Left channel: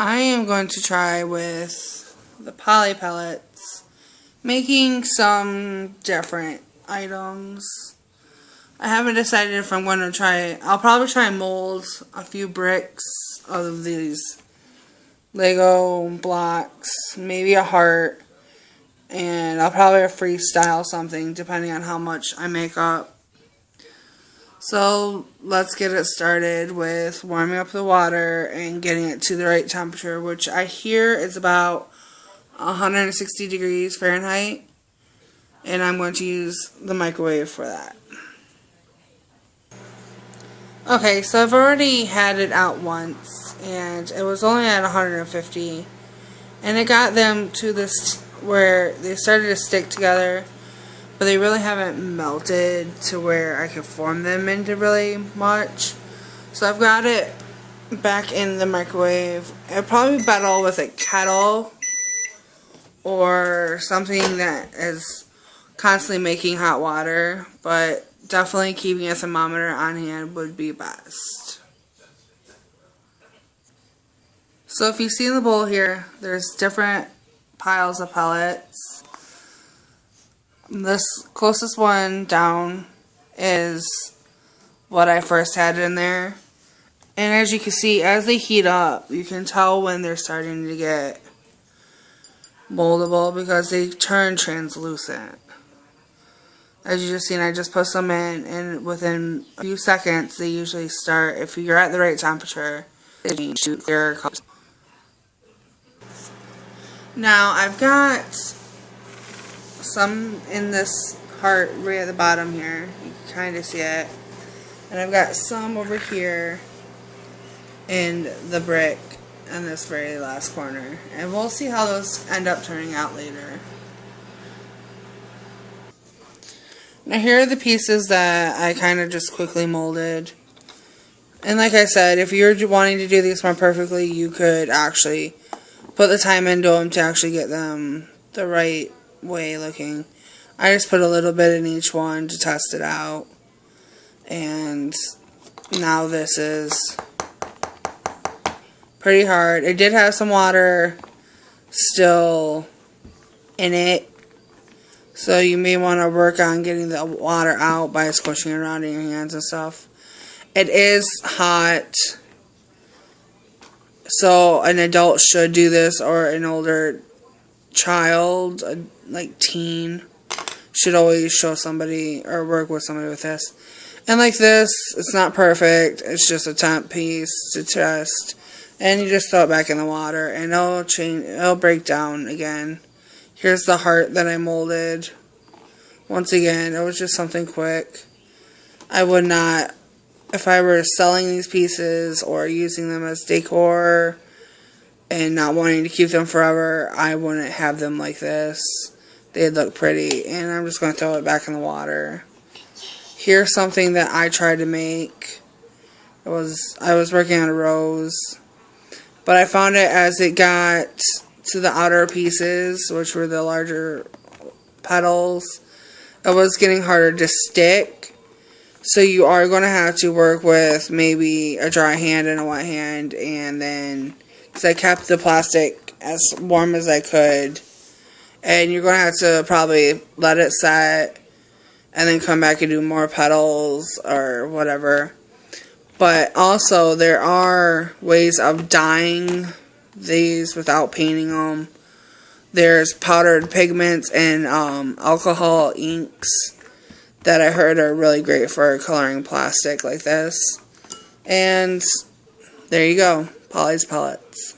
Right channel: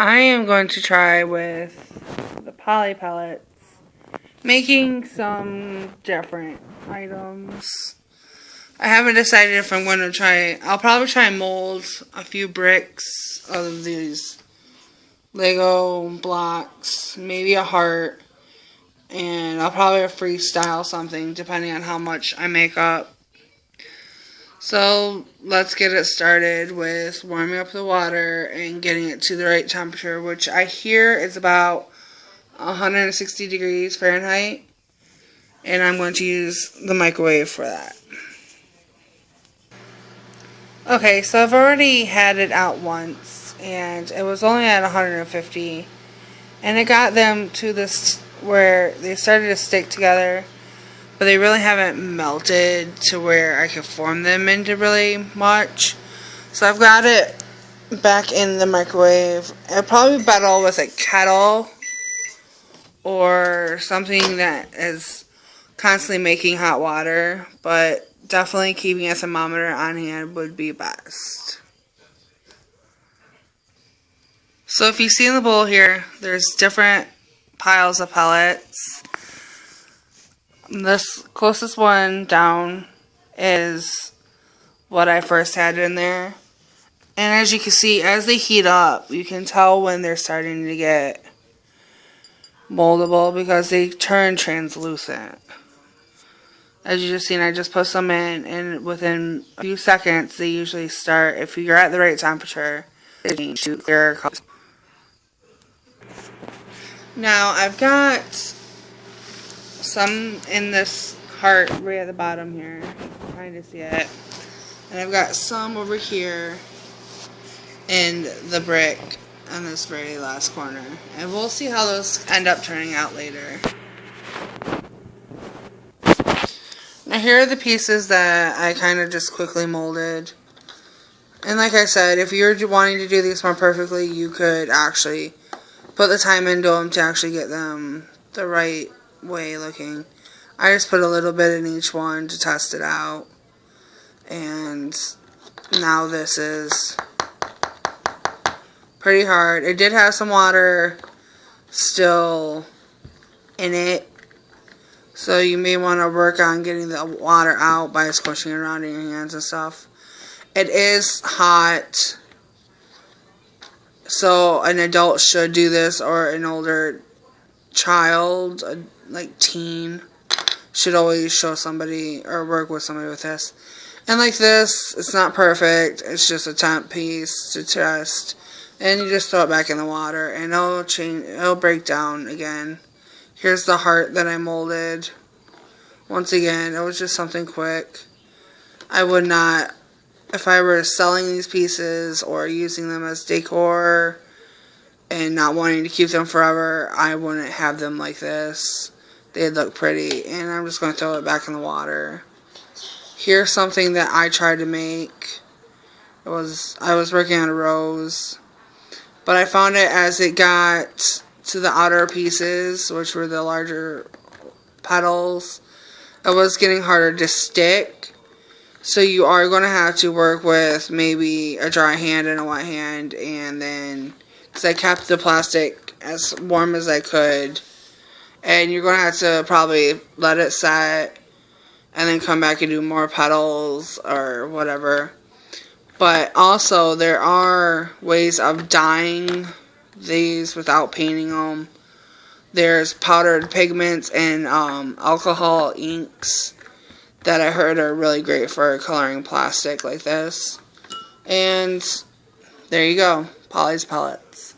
I am going to try with the poly pellets, making some different items. I haven't decided if I'm going to try, I'll probably try and mold a few bricks of these Lego blocks, maybe a heart, and I'll probably freestyle something depending on how much I make up. So let's get it started with warming up the water and getting it to the right temperature, which I hear is about 160 degrees Fahrenheit, and I'm going to use the microwave for that. Okay, so I've already had it out once, and it was only at 150, and it got them to this where they started to stick together, but they really haven't melted to where I could form them into really much. So I've got it back in the microwave. It'll probably be better with a kettle or something that is constantly making hot water, but definitely keeping a thermometer on hand would be best. So if you see in the bowl here, there's different piles of pellets. This closest one down is what I first had in there. And as you can see, as they heat up, you can tell when they're starting to get moldable because they turn translucent. As you just seen, I just put some in, and within a few seconds, they usually start, if you're at the right temperature, they change to their colors. Now, I've got some in this heart right at the bottom here. You can kind of see it. And I've got some over here in the brick in this very last corner. And we'll see how those end up turning out later. Now here are the pieces that I kind of just quickly molded. And like I said, if you're wanting to do these more perfectly, you could actually put the time into them to actually get them the right way looking. I just put a little bit in each one to test it out. And now this is pretty hard. It did have some water still in it, so you may want to work on getting the water out by squishing it around in your hands and stuff. It is hot, so an adult should do this, or an older child, like teen, should always show somebody or work with somebody with this. And like this, it's not perfect, it's just a temp piece to test, and you just throw it back in the water and it'll break down again. Here's the heart that I molded. Once again, it was just something quick. I would not, if I were selling these pieces or using them as decor and not wanting to keep them forever, I wouldn't have them like this. They'd look pretty, and I'm just going to throw it back in the water. Here's something that I tried to make. I was working on a rose, but I found it as it got to the outer pieces, which were the larger petals, it was getting harder to stick. So you are going to have to work with maybe a dry hand and a wet hand, and then, because I kept the plastic as warm as I could, and you're going to have to probably let it set and then come back and do more petals or whatever. But also there are ways of dyeing these without painting them. There's powdered pigments and alcohol inks that I heard are really great for coloring plastic like this. And there you go, Polly's Pellets.